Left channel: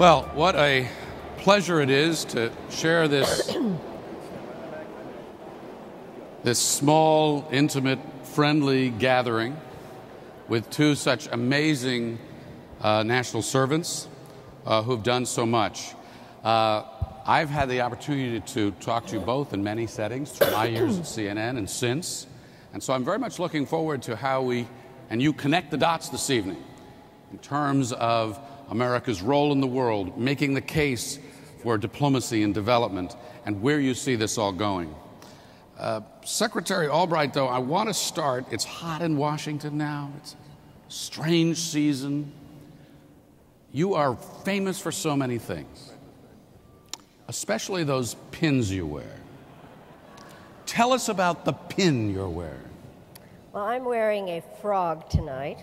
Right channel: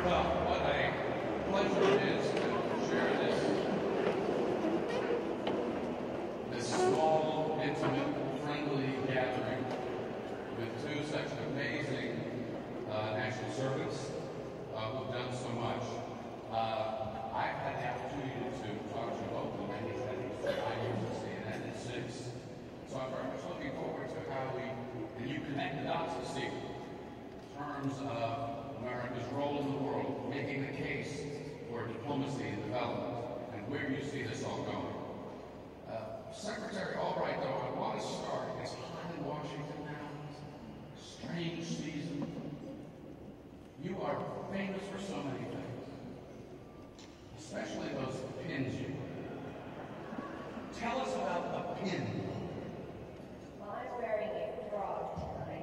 Well, what a pleasure it is to share this small, intimate, friendly gathering with two such amazing national servants who've done so much. I've had the opportunity to talk to you both in many settings through my years at CNN and since, and so I'm very much looking forward to how we and you connect the dots this evening in terms of America's role in the world, making the case for diplomacy and development, and where you see this all going. Secretary Albright, though, I want to start. It's hot in Washington now. It's a strange season. You are famous for so many things, especially those pins you wear. Tell us about the pin you're wearing. Well, I'm wearing a frog tonight,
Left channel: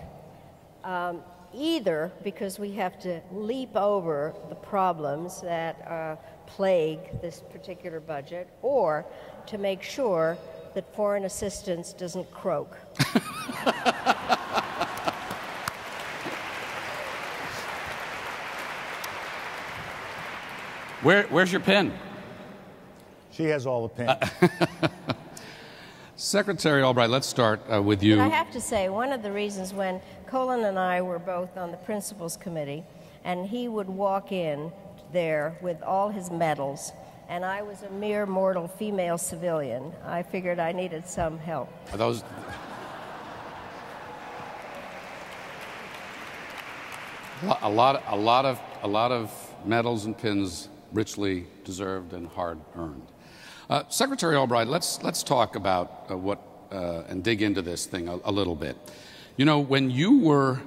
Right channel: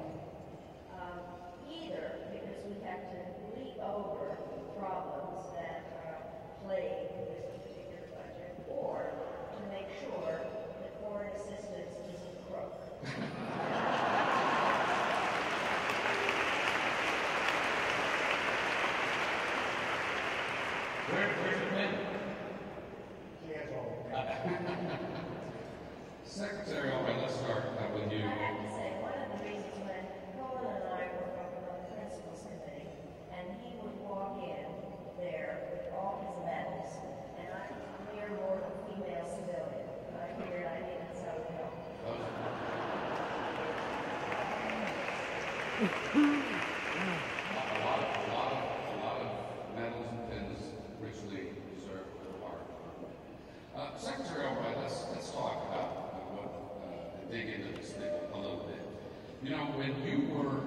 either because we have to leap over the problems that plague this particular budget, or to make sure that foreign assistance doesn't croak. Where's your pin? She has all the pins. Secretary Albright, let's start with you. But I have to say, one of the reasons when Colin and I were both on the Principals Committee, and he would walk in there with all his medals, and I was a mere mortal female civilian, I figured I needed some help. Are those... a lot of medals and pins, richly deserved and hard-earned. Secretary Albright, let's talk about and dig into this thing a little bit. You know, when you were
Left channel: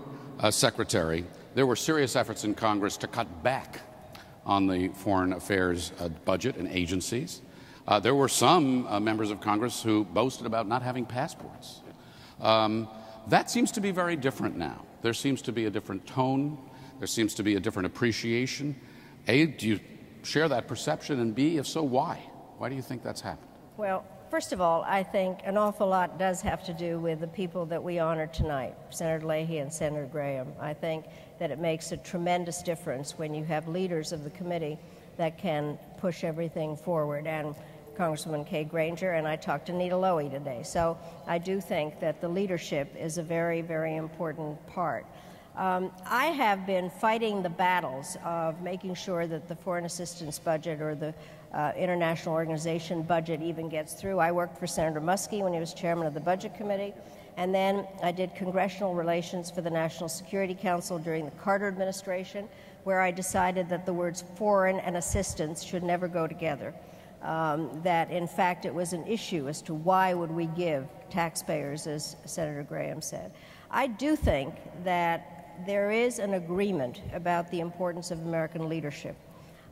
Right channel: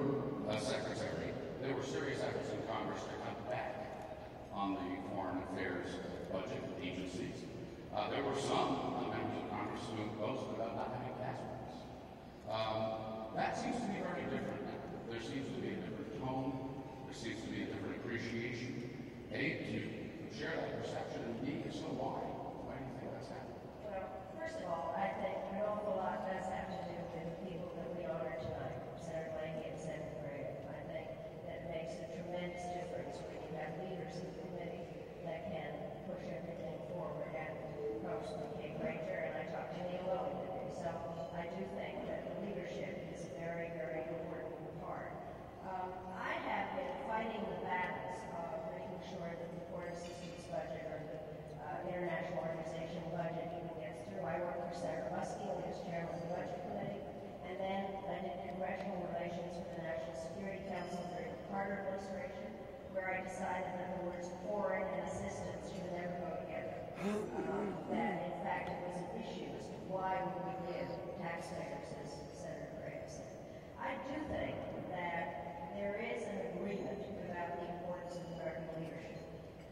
Secretary, there were serious efforts in Congress to cut back on the foreign affairs budget and agencies. There were some members of Congress who boasted about not having passports. That seems to be very different now. There seems to be a different tone. There seems to be a different appreciation. A, do you share that perception? And B, if so, why? Why do you think that's happened? Well, first of all, I think an awful lot does have to do with the people that we honor tonight, Senator Leahy and Senator Graham. I think that it makes a tremendous difference when you have leaders of the committee that can push everything forward. And Congresswoman Kay Granger, and I talked to Nita Lowey today. So I do think that the leadership is a very, very important part. I have been fighting the battles of making sure that the foreign assistance budget or the international organization budget even gets through. I worked for Senator Muskie when he was chairman of the Budget Committee, and then I did congressional relations for the National Security Council during the Carter administration, where I decided that the words foreign and assistance should never go together. That in fact it was an issue as to why would we give taxpayers, as Senator Graham said. I do think that there is an agreement about the importance of American leadership.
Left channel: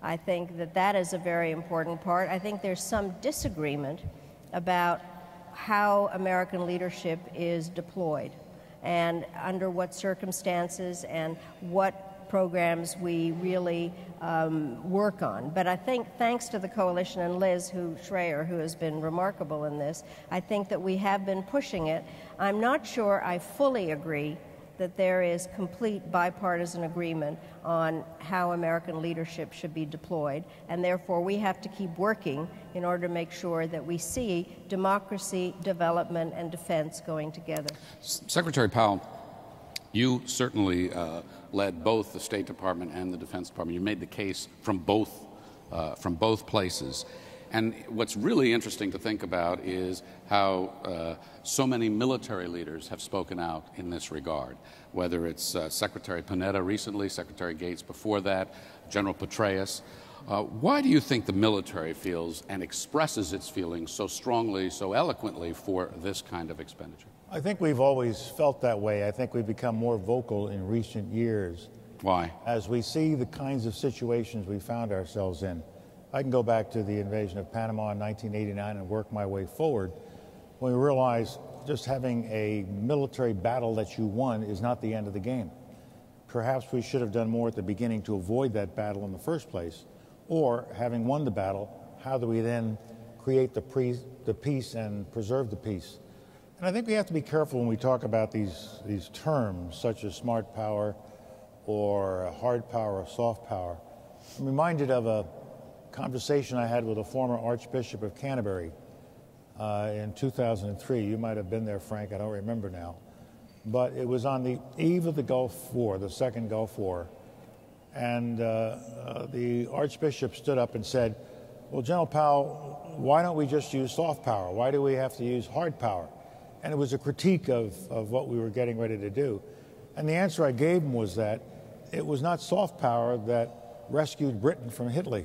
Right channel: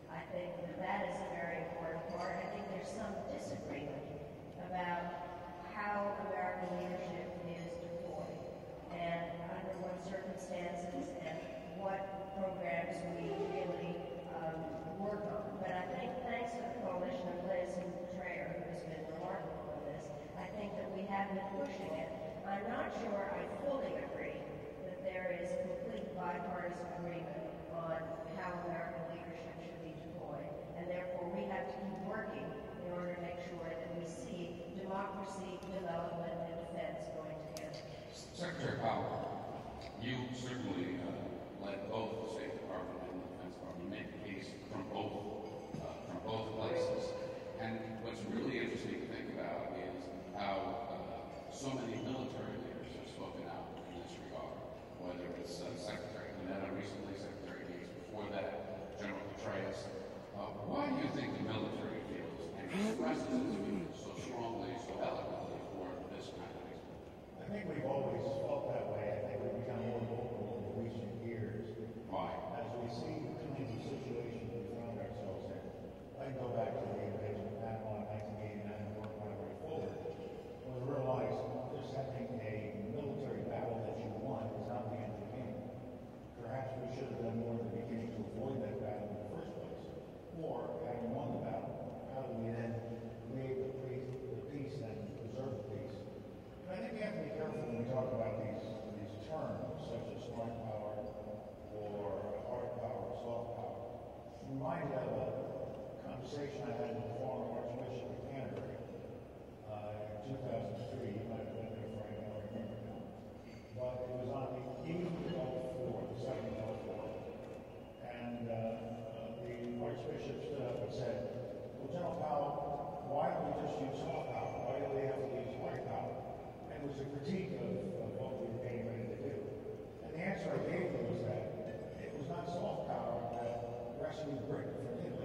I think that that is a very important part. I think there's some disagreement about how American leadership is deployed and under what circumstances and what programs we really work on. But I think thanks to the coalition and Liz Schreier, who has been remarkable in this, I think that we have been pushing it. I'm not sure I fully agree that there is complete bipartisan agreement on how American leadership should be deployed, and therefore we have to keep working in order to make sure that we see democracy, development, and defense going together. Secretary Powell, you certainly led both the State Department and the Defense Department. You made the case from both places. And what's really interesting to think about is how so many military leaders have spoken out in this regard, whether it's Secretary Panetta recently, Secretary Gates before that, General Petraeus. Why do you think the military feels and expresses its feelings so strongly, so eloquently for this kind of expenditure? I think we've always felt that way. I think we've become more vocal in recent years. Why? As we see the kinds of situations we found ourselves in. I can go back to the invasion of Panama in 1989 and work my way forward when we realized just having a military battle that you won is not the end of the game. Perhaps we should have done more at the beginning to avoid that battle in the first place, or having won the battle, how do we then create the peace and preserve the peace? And I think we have to be careful when we talk about these terms such as smart power or hard power or soft power. I'm reminded of a conversation I had with a former Archbishop of Canterbury in 2003. You might have been there, Frank, I don't remember now. But it was on the eve of the Gulf War, the Second Gulf War. And the Archbishop stood up and said, well, General Powell, why don't we just use soft power? Why do we have to use hard power? And it was a critique of what we were getting ready to do. And the answer I gave him was that it was not soft power that rescued Britain from Hitler.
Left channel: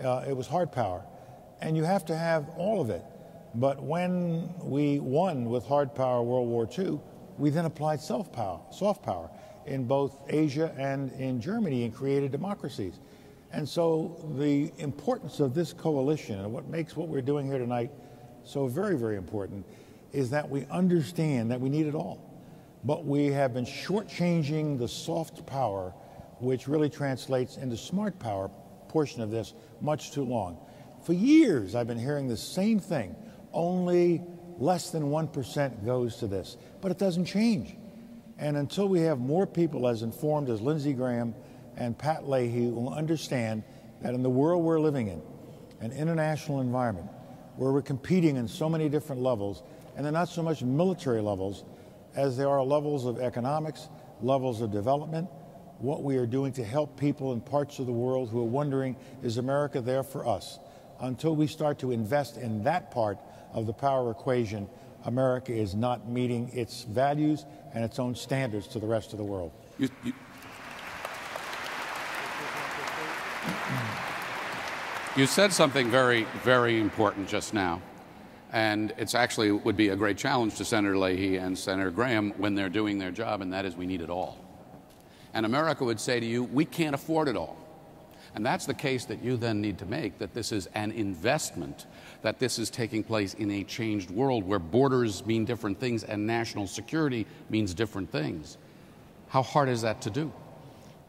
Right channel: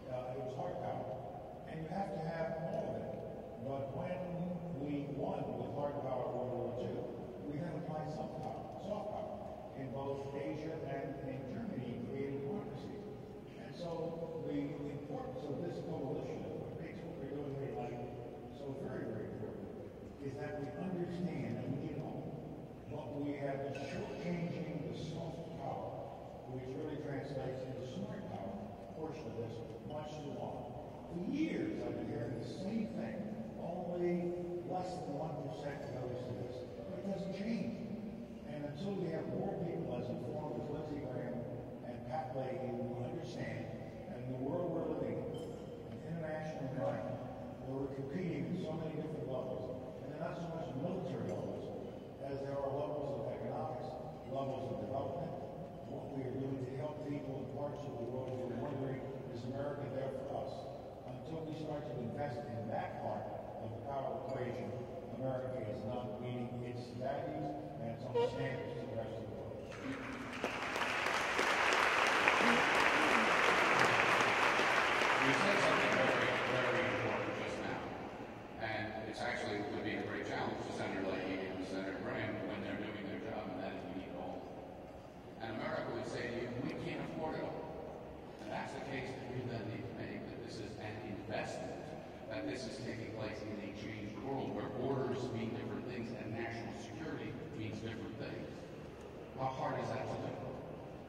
It was hard power. And you have to have all of it. But when we won with hard power World War II, we then applied soft power in both Asia and in Germany and created democracies. And so the importance of this coalition and what makes what we're doing here tonight so very, very important is that we understand that we need it all. But we have been shortchanging the soft power, which really translates into smart power portion of this, much too long. For years, I've been hearing the same thing. Only less than 1% goes to this, but it doesn't change. And until we have more people as informed as Lindsey Graham and Pat Leahy will understand that in the world we're living in, an international environment where we're competing in so many different levels, and they're not so much military levels as there are levels of economics, levels of development, what we are doing to help people in parts of the world who are wondering, is America there for us? Until we start to invest in that part of the power equation, America is not meeting its values and its own standards to the rest of the world. You said something very, very important just now, and it's actually would be a great challenge to Senator Leahy and Senator Graham when they're doing their job, and that is we need it all. And America would say to you, we can't afford it all. And that's the case that you then need to make, that this is an investment, that this is taking place in a changed world where borders mean different things and national security means different things. How hard is that to do?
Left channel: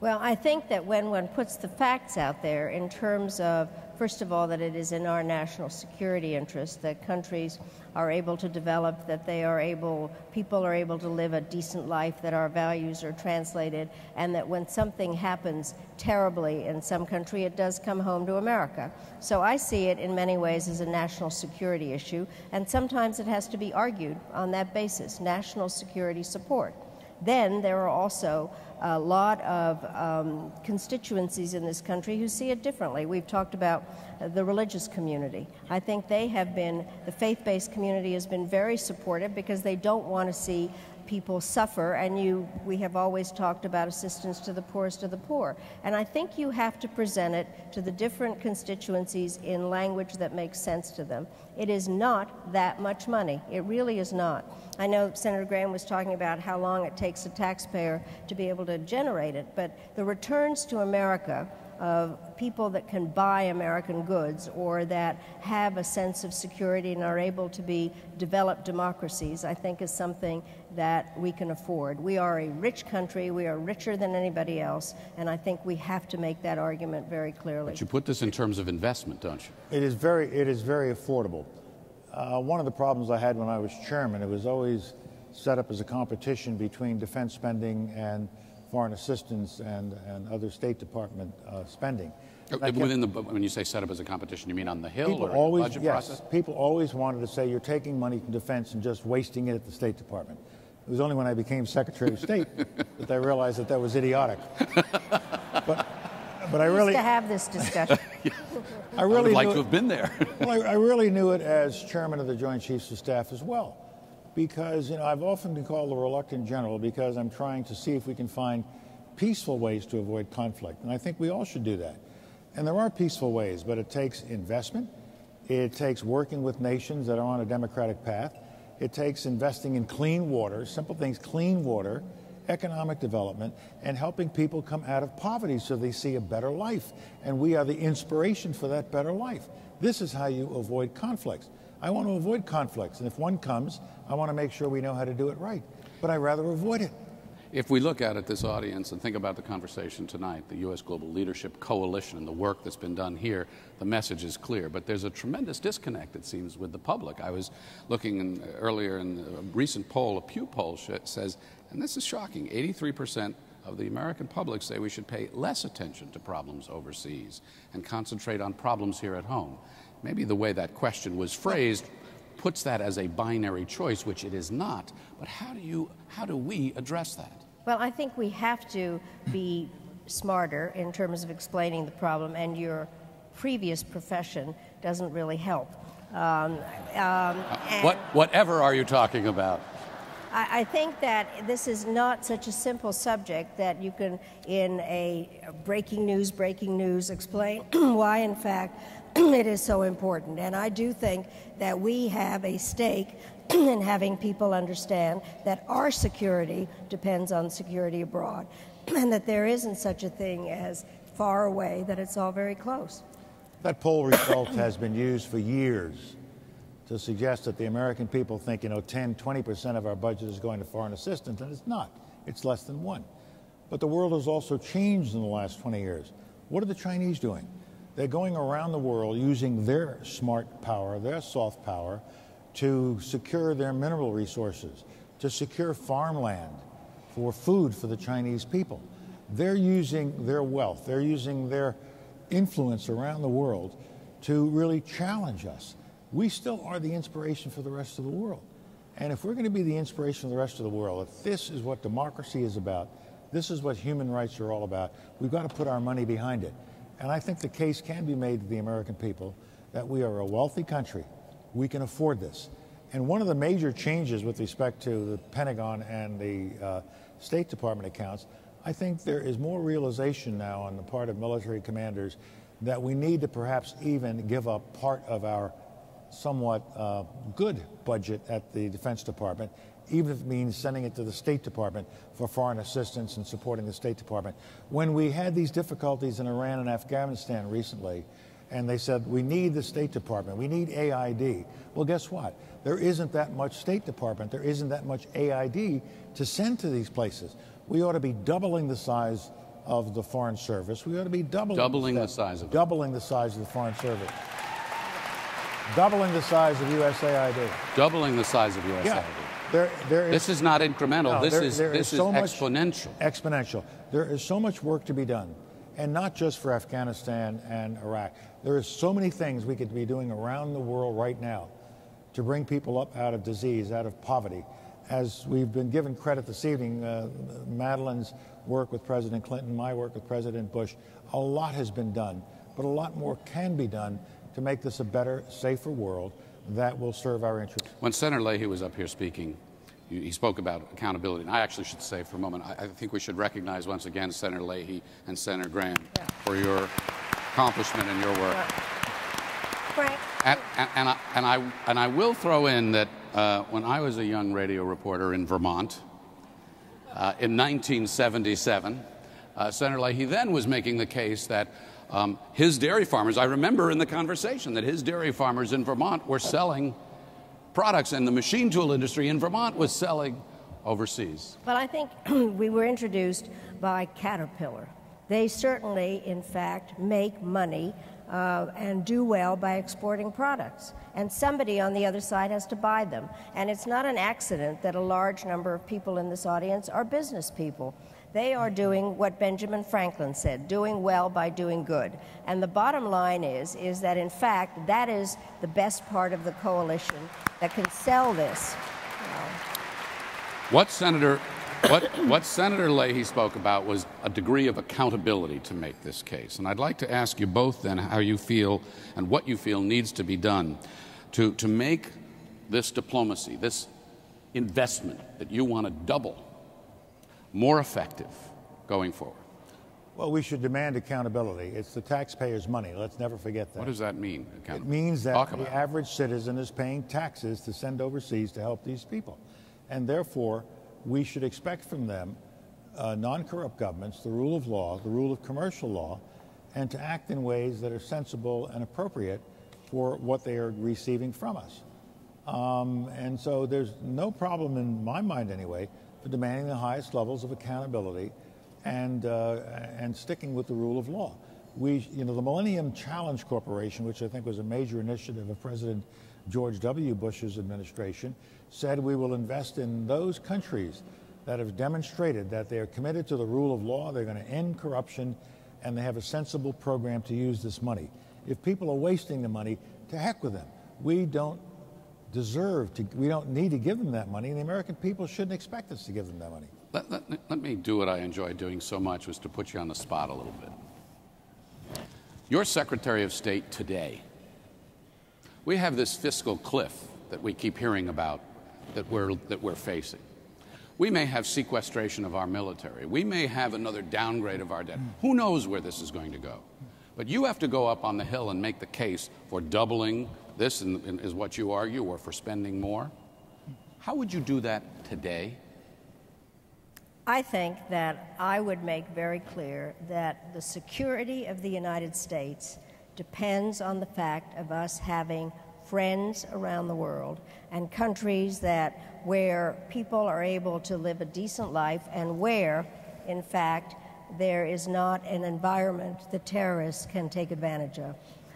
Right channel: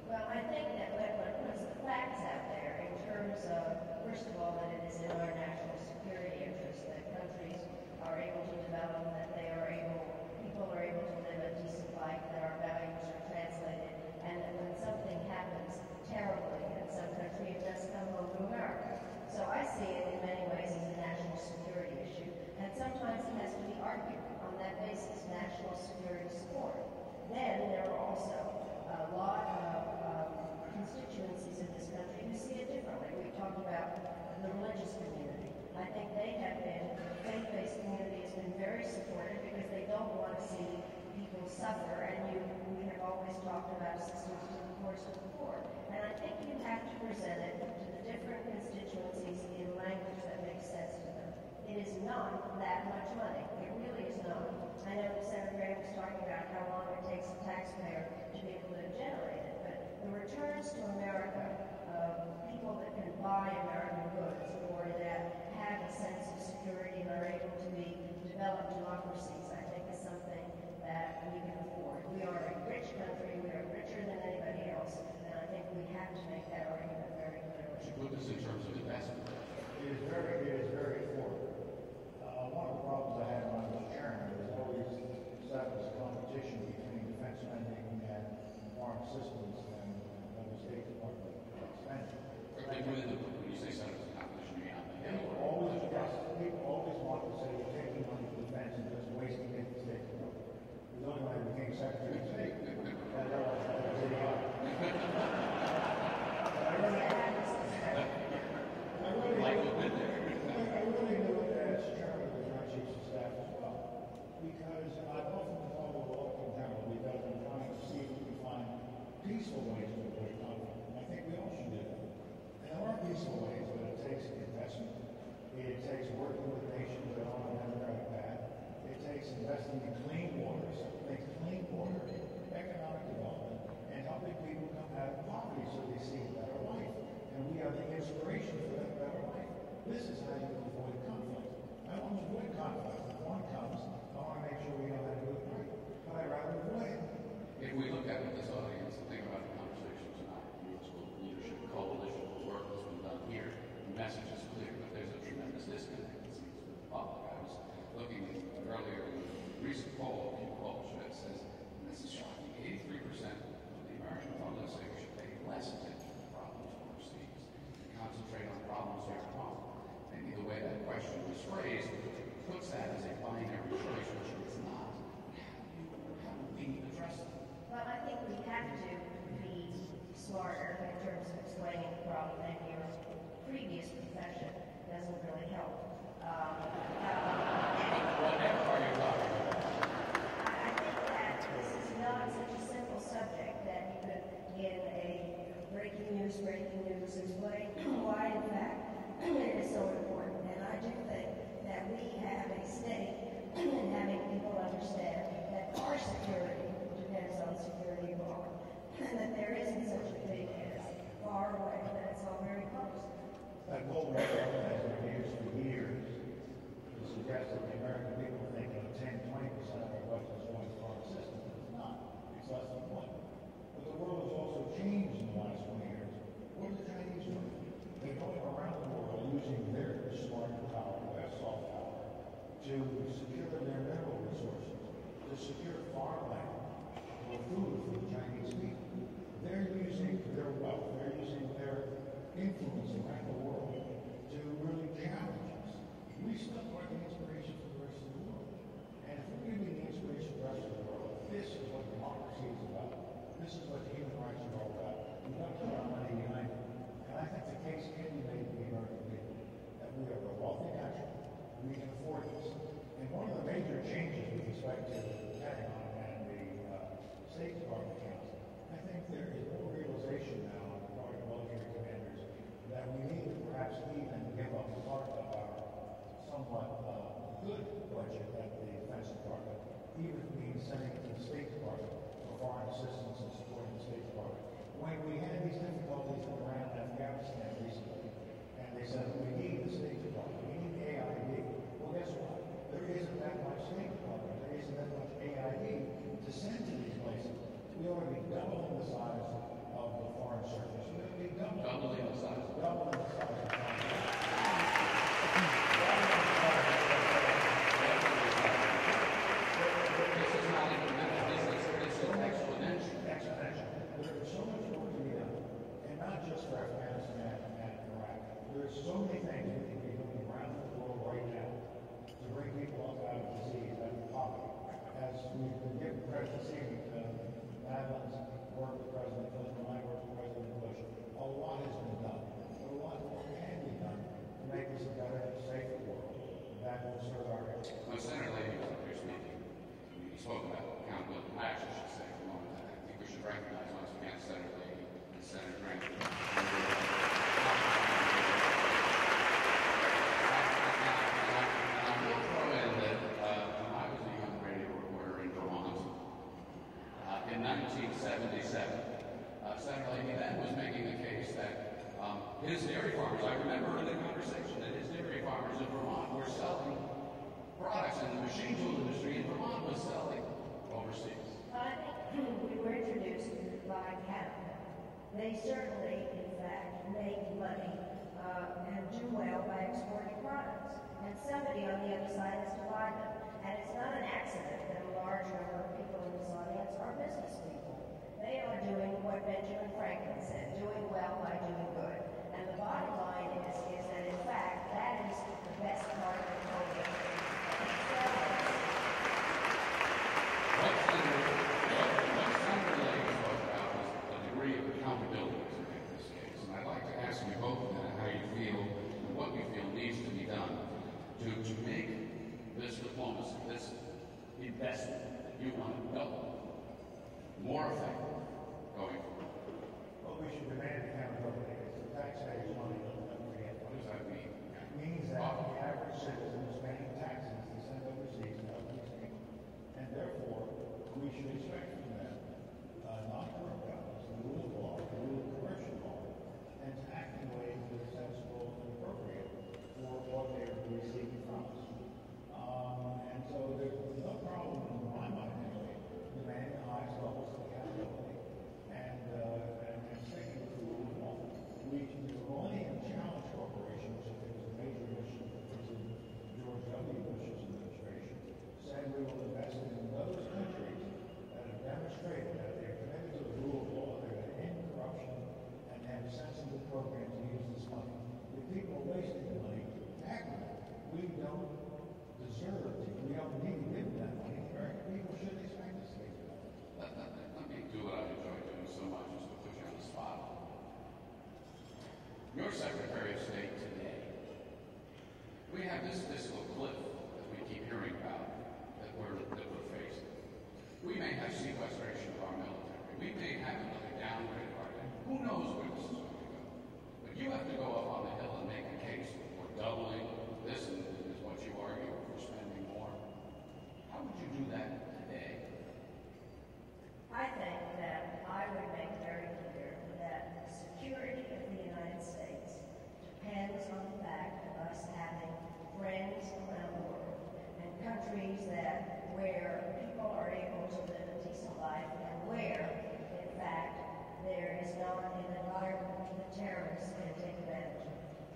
Well, I think that when one puts the facts out there in terms of, first of all, that it is in our national security interest that countries are able to develop, that people are able to live a decent life, that our values are translated, and that when something happens terribly in some country, it does come home to America. So I see it in many ways as a national security issue, and sometimes it has to be argued on that basis, national security support. Then there are also a lot of constituencies in this country who see it differently. We've talked about the religious community. I think the faith-based community has been very supportive because they don't want to see people suffer, and we have always talked about assistance to the poorest of the poor. And I think you have to present it to the different constituencies in language that makes sense to them. It is not that much money. It really is not. I know Senator Graham was talking about how long it takes a taxpayer to be able to generate it, but the returns to America of people that can buy American goods or that have a sense of security and are able to be developed democracies, I think is something that we can afford. We are a rich country, we are richer than anybody else, and I think we have to make that argument very clearly. But you put this in terms of investment, don't you? It is very affordable. One of the problems I had when I was chairman, it was always set up as a competition between defense spending and foreign assistance and other State Department spending. When you say set up as a competition, you mean on the Hill or in the budget process? People always wanted to say you're taking money from defense and just wasting it at the State Department. It was only when I became Secretary of State that I realized that was idiotic. But I really... to have this discussion. I would like to have been there. Well, I really knew it as chairman of the Joint Chiefs of Staff as well, because I've often been called the reluctant general because I'm trying to see if we can find peaceful ways to avoid conflict, and I think we all should do that. And there are peaceful ways, but it takes investment. It takes working with nations that are on a democratic path. It takes investing in clean water, simple things, clean water, economic development, and helping people come out of poverty so they see a better life. And we are the inspiration for that better life. This is how you avoid conflicts. I want to avoid conflicts, and if one comes, I want to make sure we know how to do it right. But I'd rather avoid it. If we look at this audience and think about the conversation tonight, the U.S. Global Leadership Coalition and the work that's been done here, the message is clear. But there's a tremendous disconnect, it seems, with the public. I was looking earlier in a recent poll, a Pew poll says, and this is shocking, 83% of the American public say we should pay less attention to problems overseas and concentrate on problems here at home. Maybe the way that question was phrased puts that as a binary choice, which it is not. But how do we address that? Well, I think we have to be smarter in terms of explaining the problem, and your previous profession doesn't really help. Whatever are you talking about? I think that this is not such a simple subject that you can, in a breaking news, explain why, in fact, it is so important. And I do think that we have a stake in having people understand that our security depends on security abroad, and that there isn't such a thing as far away, that it's all very close. That poll result has been used for years to suggest that the American people think, 10, 20% of our budget is going to foreign assistance, and it's not. It's less than 1%. But the world has also changed in the last 20 years. What are the Chinese doing? They're going around the world using their smart power, their soft power, to secure their mineral resources, to secure farmland for food for the Chinese people. They're using their wealth, they're using their influence around the world to really challenge us. We still are the inspiration for the rest of the world. And if we're going to be the inspiration for the rest of the world, if this is what democracy is about, this is what human rights are all about, we've got to put our money behind it. And I think the case can be made to the American people that we are a wealthy country. We can afford this. And one of the major changes with respect to the Pentagon and the State Department accounts, I think there is more realization now on the part of military commanders that we need to perhaps even give up part of our somewhat good budget at the Defense Department, even if it means sending it to the State Department for foreign assistance and supporting the State Department. When we had these difficulties in Iran and Afghanistan recently, and they said, we need the State Department, we need AID. Well, guess what? There isn't that much State Department, there isn't that much AID to send to these places. We ought to be doubling the size of the Foreign Service. We ought to be doubling the size of it. Doubling the size of the Foreign Service. Doubling the size of USAID. Doubling the size of USAID. Yeah. This is not incremental. No, this is exponential. Exponential. There is so much work to be done, and not just for Afghanistan and Iraq. There are so many things we could be doing around the world right now to bring people up out of disease, out of poverty. As we've been given credit this evening, Madeline's work with President Clinton, my work with President Bush, a lot has been done, but a lot more can be done to make this a better, safer world that will serve our interests. When Senator Leahy was up here speaking, he spoke about accountability. And I actually should say for a moment, I think we should recognize once again Senator Leahy and Senator Graham for your accomplishment in your work. And I will throw in that when I was a young radio reporter in Vermont in 1977, Senator Leahy then was making the case that his dairy farmers, I remember in the conversation that his dairy farmers in Vermont were selling products, and the machine tool industry in Vermont was selling overseas. Well, I think we were introduced by Caterpillar. They certainly, in fact, make money and do well by exporting products. And somebody on the other side has to buy them. And it's not an accident that a large number of people in this audience are business people. They are doing what Benjamin Franklin said, doing well by doing good. And the bottom line is that, in fact, that is the best part of the coalition that can sell this. What Senator Leahy spoke about was a degree of accountability to make this case. And I'd like to ask you both then how you feel and what you feel needs to be done to make this diplomacy, this investment that you want to double, more effective going forward. Well, we should demand accountability. It's the taxpayers' money. Let's never forget that. What does that mean? It means that the average citizen is paying taxes to send overseas to help these people. And therefore, we should expect from them non-corrupt governments, the rule of law, the rule of commercial law, and to act in ways that are sensible and appropriate for what they are receiving from us. And so there's no problem in my mind anyway for demanding the highest levels of accountability and sticking with the rule of law. The Millennium Challenge Corporation, which I think was a major initiative of President George W. Bush's administration, said we will invest in those countries that have demonstrated that they are committed to the rule of law, they're going to end corruption, and they have a sensible program to use this money. If people are wasting the money, to heck with them. We don't need to give them that money, and the American people shouldn't expect us to give them that money. Let me do what I enjoy doing so much, was to put you on the spot a little bit. Your Secretary of State today, we have this fiscal cliff that we keep hearing about that we're facing. We may have sequestration of our military. We may have another downgrade of our debt. Who knows where this is going to go? But you have to go up on the Hill and make the case for doubling this, is what you argue, or for spending more. How would you do that today? I think that I would make very clear that the security of the United States depends on the fact of us having friends around the world and countries where people are able to live a decent life, and where, in fact, there is not an environment that terrorists can take advantage of.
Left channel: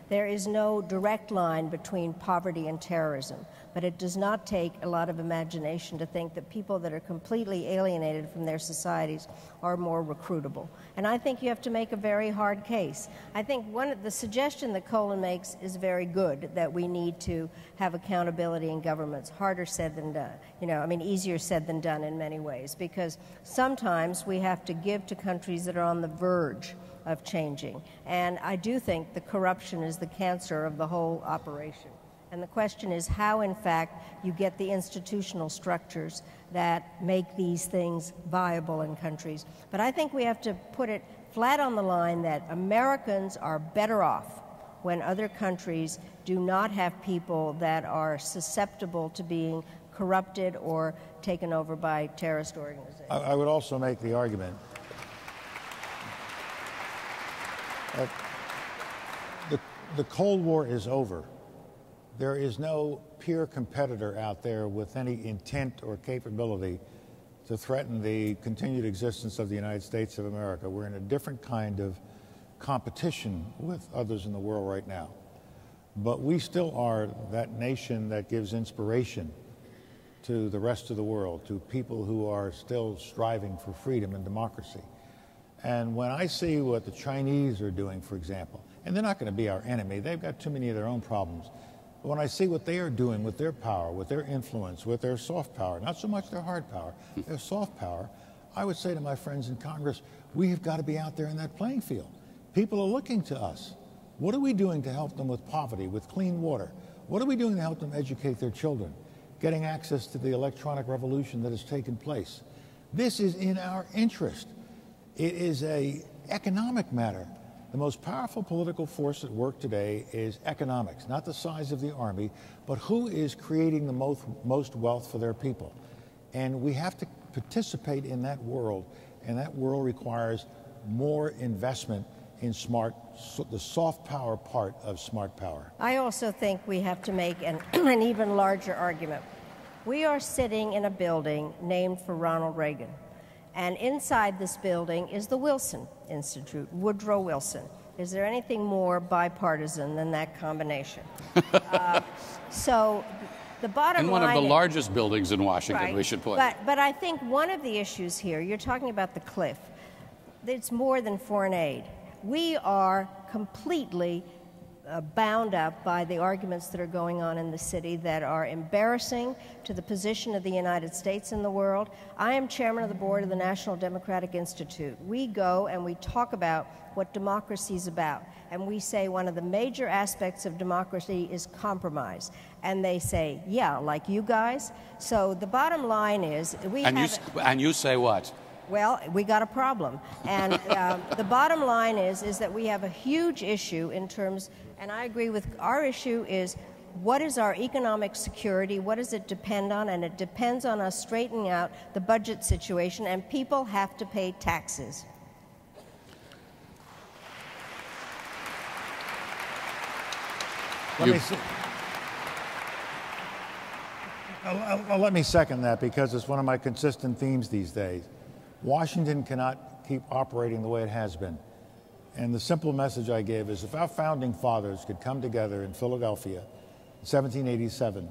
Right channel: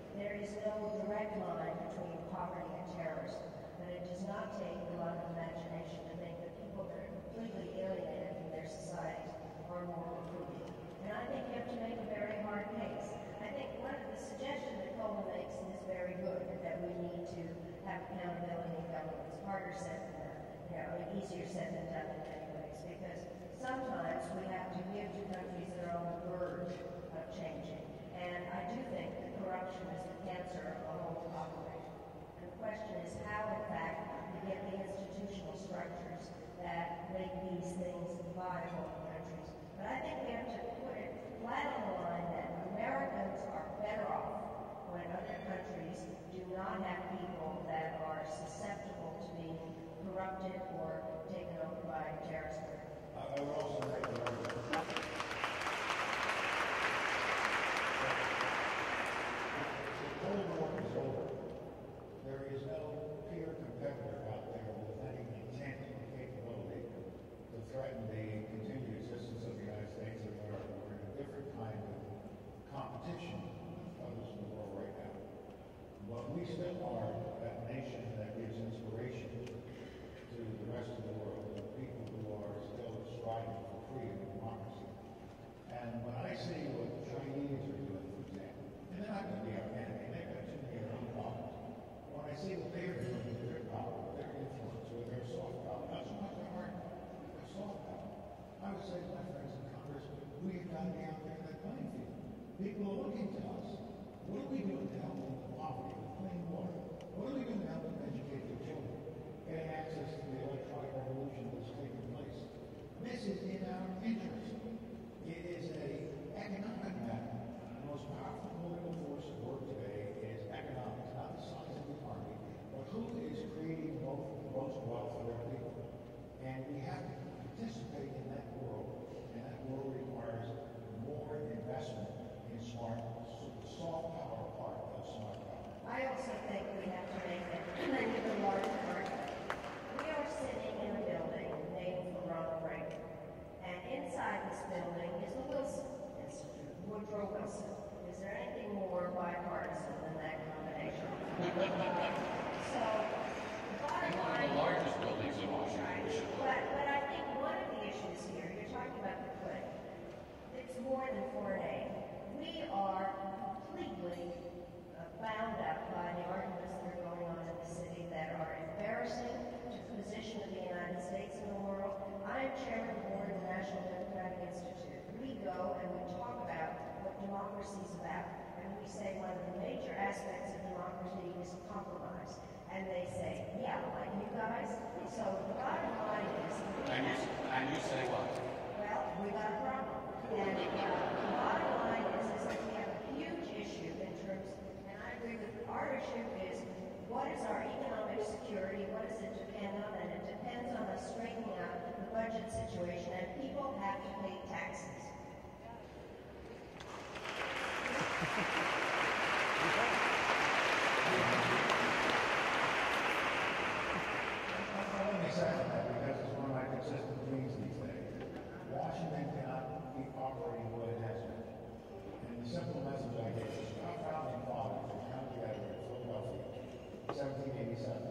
There is no direct line between poverty and terrorism, but it does not take a lot of imagination to think that people that are completely alienated from their societies are more recruitable. And I think you have to make a very hard case. I think the suggestion that Colin makes is very good, that we need to have accountability in governments. Harder said than done. Easier said than done in many ways, because sometimes we have to give to countries that are on the verge of changing. And I do think the corruption is the cancer of the whole operation. And the question is how, in fact, you get the institutional structures that make these things viable in countries. But I think we have to put it flat on the line that Americans are better off when other countries do not have people that are susceptible to being corrupted or taken over by terrorist organizations. I would also make the argument that the Cold War is over. There is no peer competitor out there with any intent or capability to threaten the continued existence of the United States of America. We're in a different kind of competition with others in the world right now. But we still are that nation that gives inspiration to the rest of the world, to people who are still striving for freedom and democracy. And when I see what the Chinese are doing, for example, and they're not going to be our enemy, they've got too many of their own problems. But when I see what they are doing with their power, with their influence, with their soft power, not so much their hard power, their soft power, I would say to my friends in Congress, we've got to be out there in that playing field. People are looking to us. What are we doing to help them with poverty, with clean water? What are we doing to help them educate their children, getting access to the electronic revolution that has taken place? This is in our interest. It is an economic matter. The most powerful political force at work today is economics, not the size of the army, but who is creating the most wealth for their people. And we have to participate in that world, and that world requires more investment in the soft power part of smart power. I also think we have to make an even larger argument. We are sitting in a building named for Ronald Reagan. And inside this building is the Wilson Institute, Woodrow Wilson. Is there anything more bipartisan than that combination? So the bottom line... And one of the largest buildings in Washington, right, we should put. But I think one of the issues here, you're talking about the cliff. It's more than foreign aid. We are completely bound up by the arguments that are going on in the city that are embarrassing to the position of the United States in the world. I am chairman of the board of the National Democratic Institute. We go and we talk about what democracy is about, and we say one of the major aspects of democracy is compromise. And they say, yeah, like you guys. So the bottom line is And you say what? Well, we got a problem. And the bottom line is that we have a huge issue in terms, and I agree with our issue is, what is our economic security? What does it depend on? And it depends on us straightening out the budget situation, and people have to pay taxes. Let me second that, because it's one of my consistent themes these days. Washington cannot keep operating the way it has been. And the simple message I gave is, if our founding fathers could come together in Philadelphia in 1787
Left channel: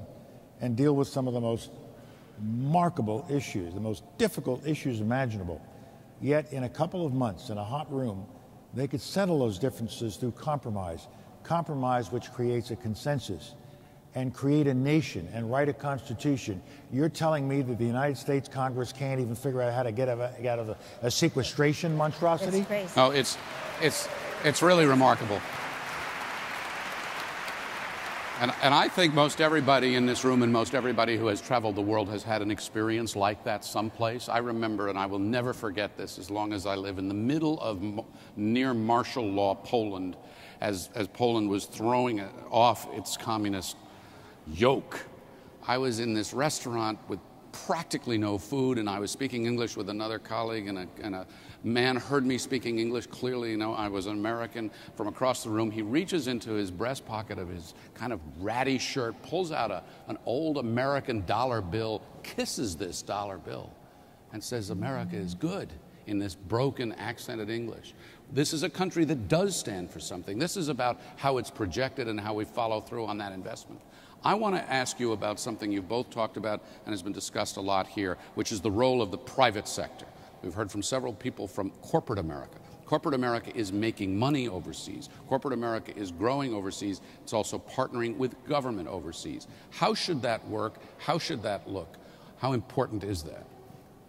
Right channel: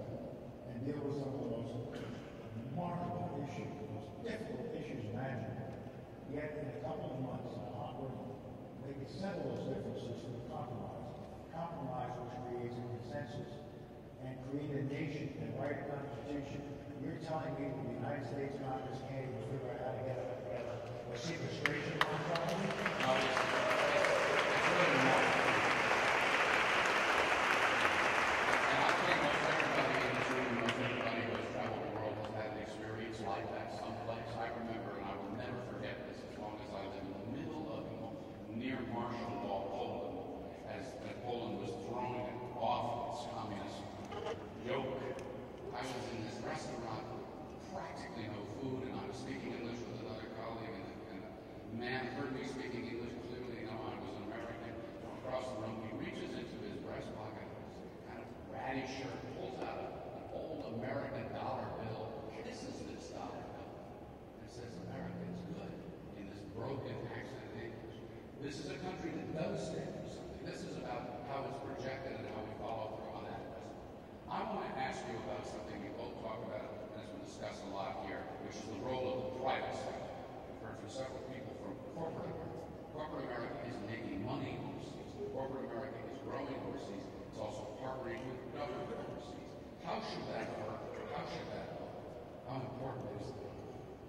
and deal with some of the most remarkable issues, the most difficult issues imaginable. Yet in a couple of months, in a hot room, they could settle those differences through compromise. Compromise which creates a consensus and create a nation and write a constitution. You're telling me that the United States Congress can't even figure out how to get out of a sequestration monstrosity? No, it's really remarkable. And I think most everybody in this room and most everybody who has traveled the world has had an experience like that someplace. I remember, and I will never forget this as long as I live, in the middle of near martial law Poland, as Poland was throwing off its communist yoke. I was in this restaurant with practically no food, and I was speaking English with another colleague, and a man heard me speaking English clearly. You know, I was an American. From across the room, he reaches into his breast pocket of his kind of ratty shirt, pulls out an old American dollar bill, kisses this dollar bill, and says, "America is good," in this broken accented English. This is a country that does stand for something. This is about how it's projected and how we follow through on that investment. I want to ask you about something you both talked about and has been discussed a lot here, which is the role of the private sector. We've heard from several people from corporate America. Corporate America is making money overseas. Corporate America is growing overseas. It's also partnering with government overseas. How should that work? How should that look? How important is that?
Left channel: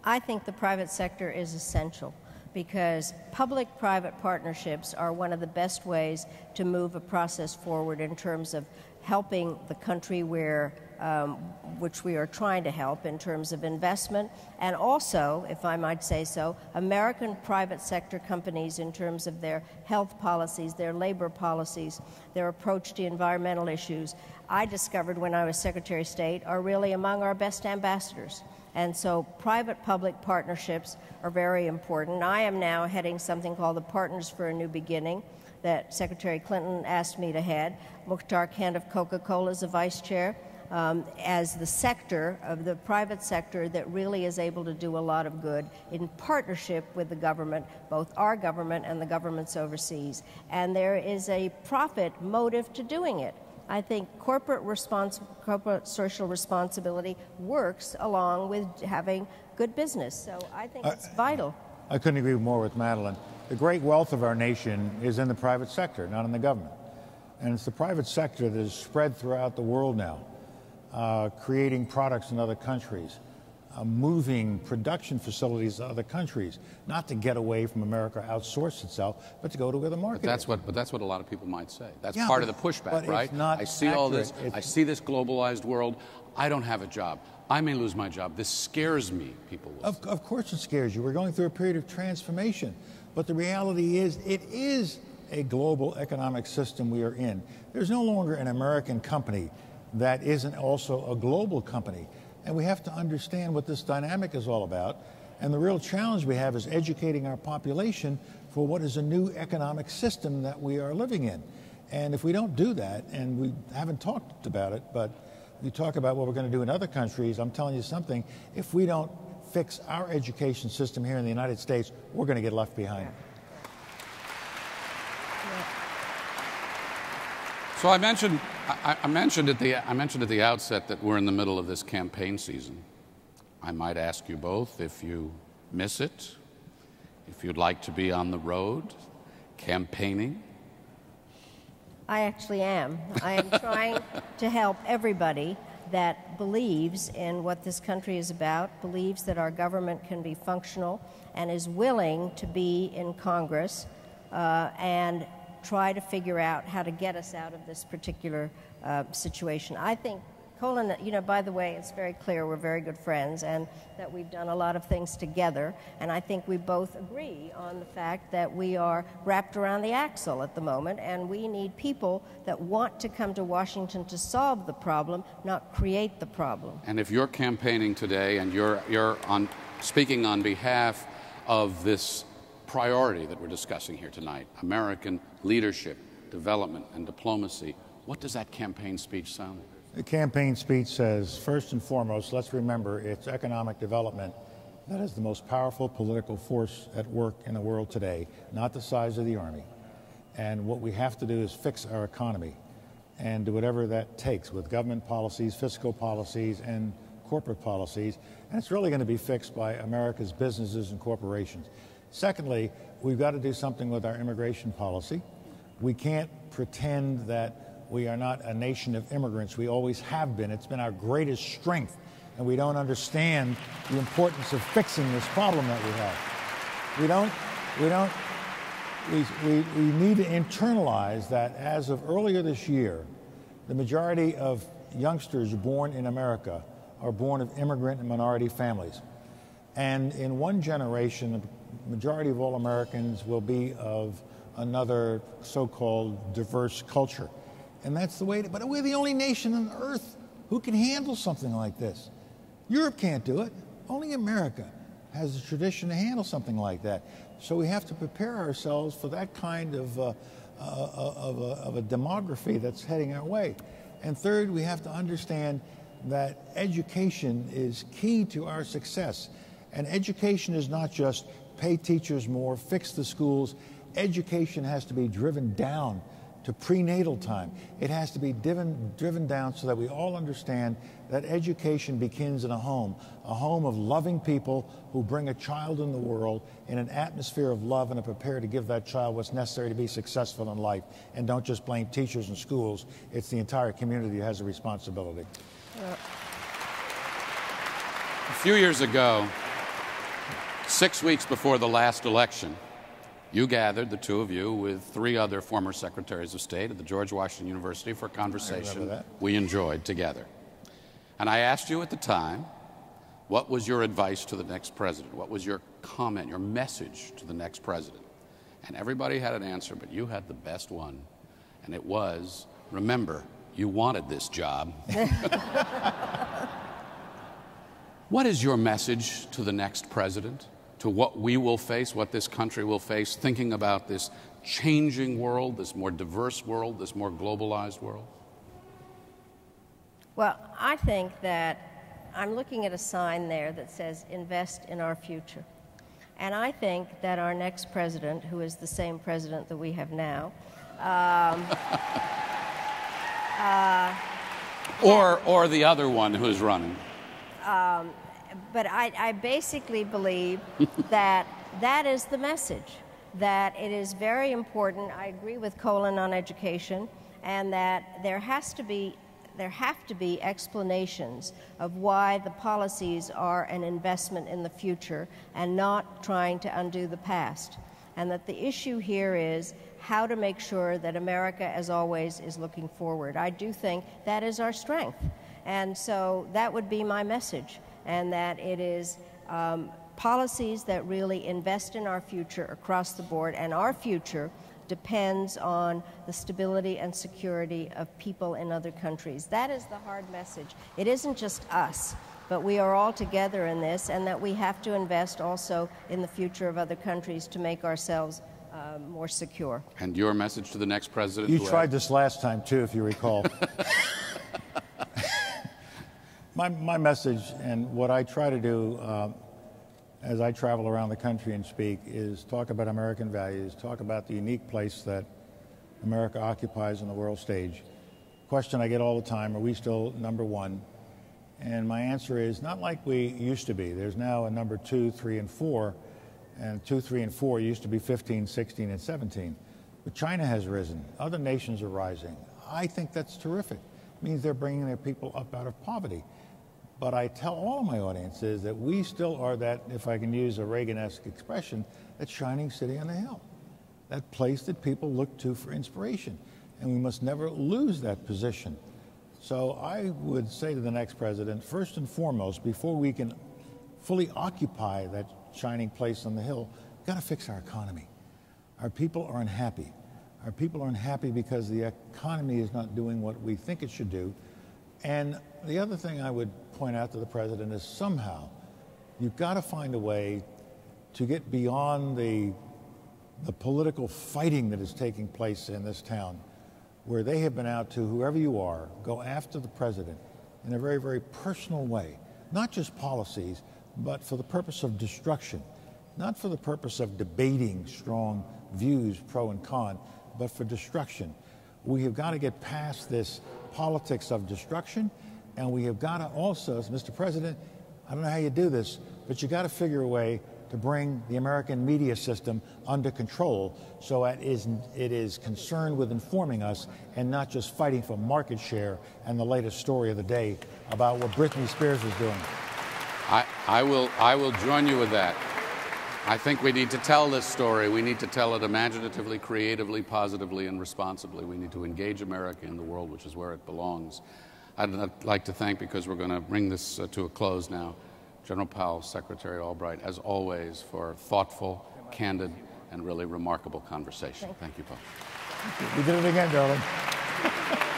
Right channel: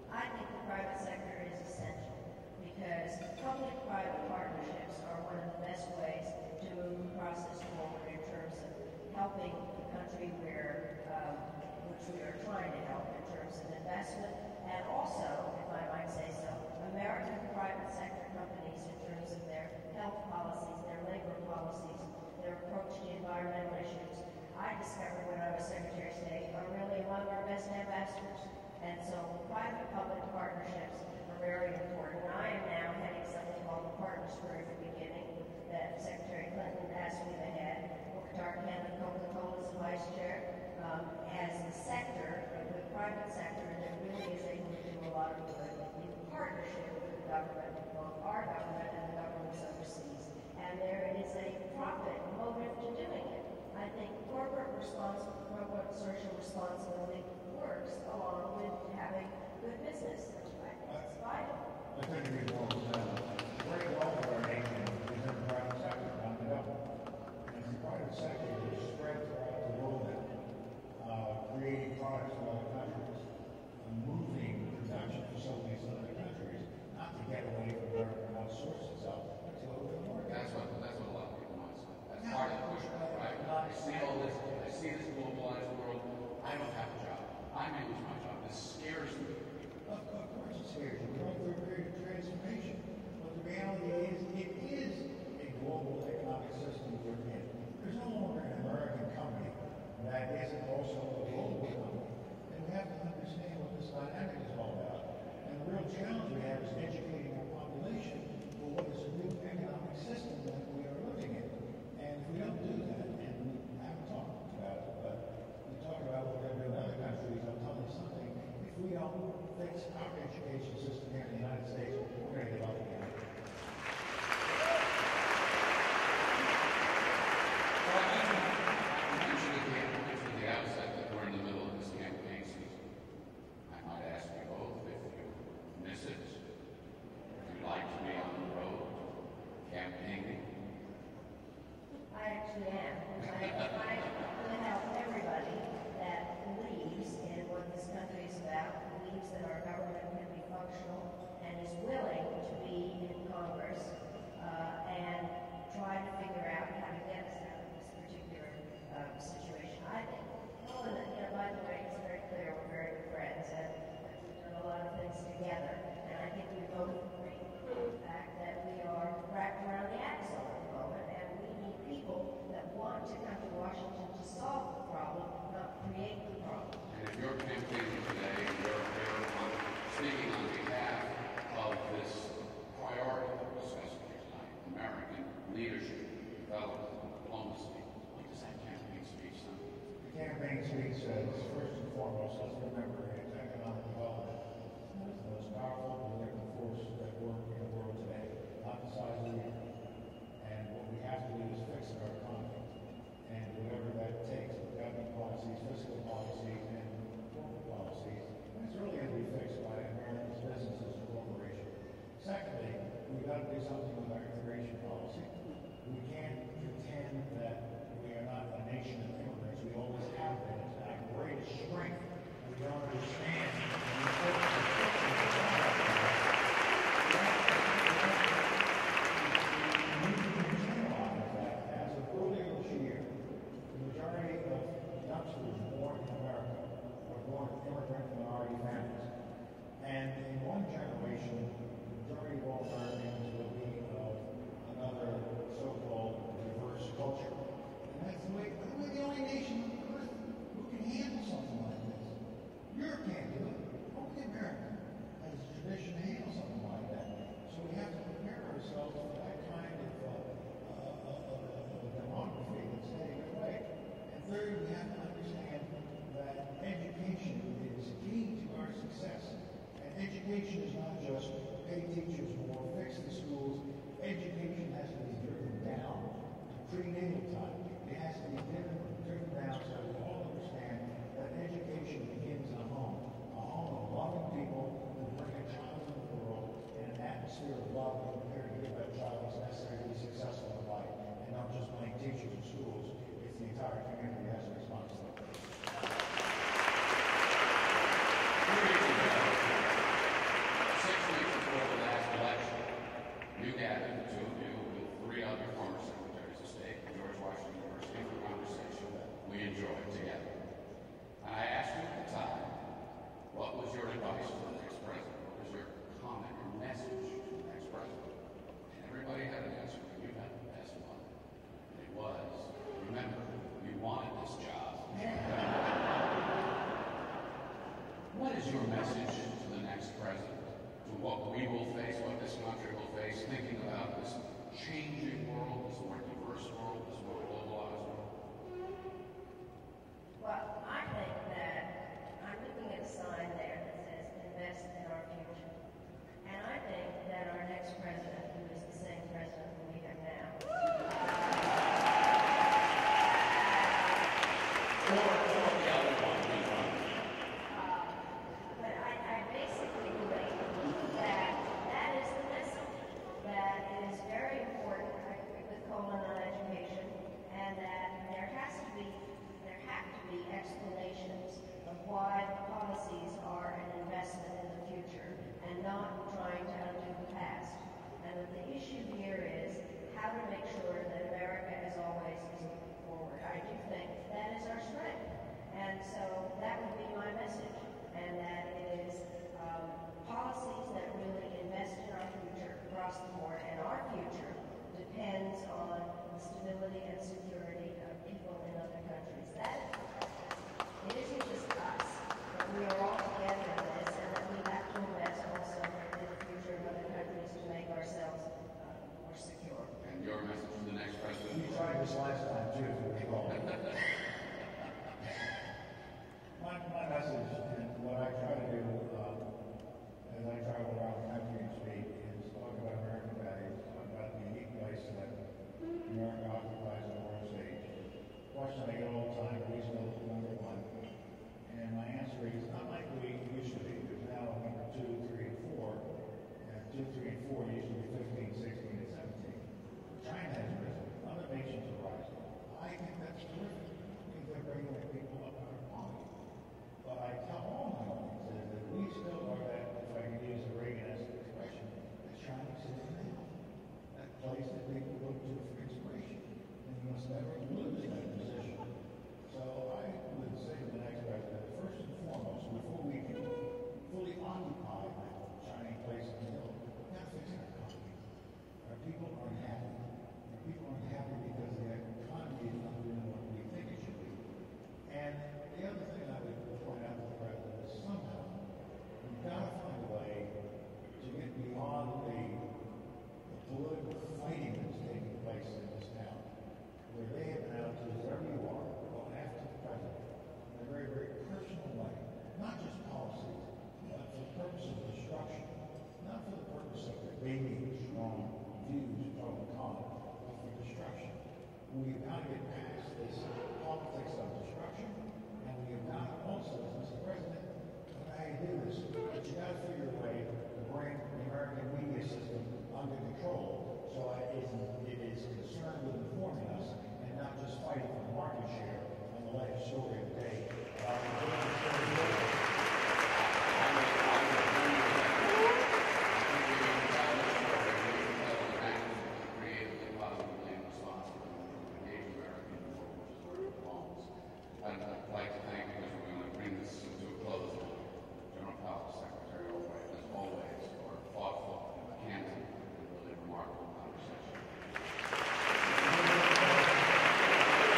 I think the private sector is essential, because public-private partnerships are one of the best ways to move a process forward in terms of helping the country which we are trying to help in terms of investment, and also, if I might say so, American private sector companies in terms of their health policies, their labor policies, their approach to environmental issues, I discovered when I was Secretary of State, are really among our best ambassadors. And so private-public partnerships are very important. I am now heading something called the Partners for a New Beginning that Secretary Clinton asked me to head. Mukhtar Kent of Coca-Cola is the vice chair, as the sector of the private sector that really is able to do a lot of good in partnership with the government, both our government and the governments overseas. And there is a profit motive to doing it. I think corporate social responsibility works along with having good business. So I think it's vital. I couldn't agree more with Madeline. The great wealth of our nation is in the private sector, not in the government. And it's the private sector that is spread throughout the world now, creating products in other countries, moving production facilities to other countries, not to get away from America, outsource itself, but to go to where the market is. But that's what a lot of people might say. That's part of the pushback, right? I see accurate. all this. I see this globalized world. I don't have a job. I may lose my job. This scares me, people will say. Of course it scares you. We're going through a period of transformation. But the reality is, it is a global economic system we are in. There's no longer an American company that isn't also a global company. And we have to understand what this dynamic is all about. And the real challenge we have is educating our population for what is a new economic system that we are living in. And if we don't do that, and we haven't talked about it, but we talk about what we're going to do in other countries, I'm telling you something, if we don't fix our education system here in the United States, we're going to get left behind. So I mentioned at the outset that we're in the middle of this campaign season. I might ask you both if you miss it, if you'd like to be on the road campaigning. I actually am. I am trying to help everybody that believes in what this country is about, believes that our government can be functional, and is willing to be in Congress and try to figure out how to get us out of this particular situation. I think Colin, by the way, it's very clear we're very good friends and that we've done a lot of things together, and I think we both agree on the fact that we are wrapped around the axle at the moment, and we need people that want to come to Washington to solve the problem, not create the problem. And if you're campaigning today and you're speaking on behalf of this priority that we're discussing here tonight, American leadership, development, and diplomacy, what does that campaign speech sound? The campaign speech says, first and foremost, let's remember it's economic development that is the most powerful political force at work in the world today, not the size of the army. And what we have to do is fix our economy and do whatever that takes with government policies, fiscal policies, and corporate policies, and it's really going to be fixed by America's businesses and corporations. Secondly, we've got to do something with our immigration policy. We can't pretend that we are not a nation of immigrants. We always have been. It's been our greatest strength, and we don't understand the importance of fixing this problem that we have. We need to internalize that as of earlier this year, the majority of youngsters born in America are born of immigrant and minority families. And in one generation, the majority of all Americans will be of another so-called diverse culture. And that's the way, but we're the only nation on earth who can handle something like this. Europe can't do it. Only America has a tradition to handle something like that. So we have to prepare ourselves for that kind of a demography that's heading our way. And third, we have to understand that education is key to our success. And education is not just pay teachers more, fix the schools. Education has to be driven down to prenatal time. It has to be driven down so that we all understand that education begins in a home of loving people who bring a child in the world in an atmosphere of love and are prepared to give that child what's necessary to be successful in life. And don't just blame teachers and schools. It's the entire community that has a responsibility. A few years ago, 6 weeks before the last election, you gathered, the two of you, with 3 other former secretaries of state at the George Washington University for a conversation we enjoyed together. And I asked you at the time, what was your advice to the next president? What was your comment, your message to the next president? And everybody had an answer, but you had the best one. And it was, remember, you wanted this job. What is your message to the next president? To what we will face, what this country will face, thinking about this changing world, this more diverse world, this more globalized world? Well, I think that I'm looking at a sign there that says, invest in our future. And I think that our next president, who is the same president that we have now, or the other one who's running. But I basically believe that that is the message, that it is very important. I agree with Colin on education, and that there have to be explanations of why the policies are an investment in the future and not trying to undo the past. And that the issue here is how to make sure that America, as always, is looking forward. I do think that is our strength. And so that would be my message, and that it is policies that really invest in our future across the board, and our future depends on the stability and security of people in other countries. That is the hard message. It isn't just us, but we are all together in this, and that we have to invest also in the future of other countries to make ourselves more secure. And your message to the next president? You tried this last time, too, if you recall. My message, and what I try to do as I travel around the country and speak, is talk about American values, talk about the unique place that America occupies on the world stage. Question I get all the time, are we still number one? And my answer is not like we used to be. There's now a number 2, 3, and 4, and 2, 3, and 4 used to be 15, 16, and 17. But China has risen. Other nations are rising. I think that's terrific. It means they're bringing their people up out of poverty. But I tell all my audiences that we still are that, if I can use a Reagan-esque expression, that shining city on the hill, that place that people look to for inspiration. And we must never lose that position. So I would say to the next president, first and foremost, before we can fully occupy that shining place on the hill, we've got to fix our economy. Our people are unhappy. Our people are unhappy because the economy is not doing what we think it should do. And the other thing I would point out to the president is somehow you've got to find a way to get beyond the political fighting that is taking place in this town, where they have been out to, whoever you are, go after the president in a very, very personal way. Not just policies, but for the purpose of destruction. Not for the purpose of debating strong views, pro and con, but for destruction. We have got to get past this politics of destruction And we have got to also, as Mr. President, I don't know how you do this, but you got to figure a way to bring the American media system under control so it is concerned with informing us and not just fighting for market share and the latest story of the day about what Britney Spears is doing. I will join you with that. I think we need to tell this story. We need to tell it imaginatively, creatively, positively, and responsibly. We need to engage America in the world, which is where it belongs. I'd like to thank, because we're going to bring this to a close now, General Powell, Secretary Albright, as always, for a thoughtful, candid, and really remarkable conversation. Thank you both. You did it again, darling.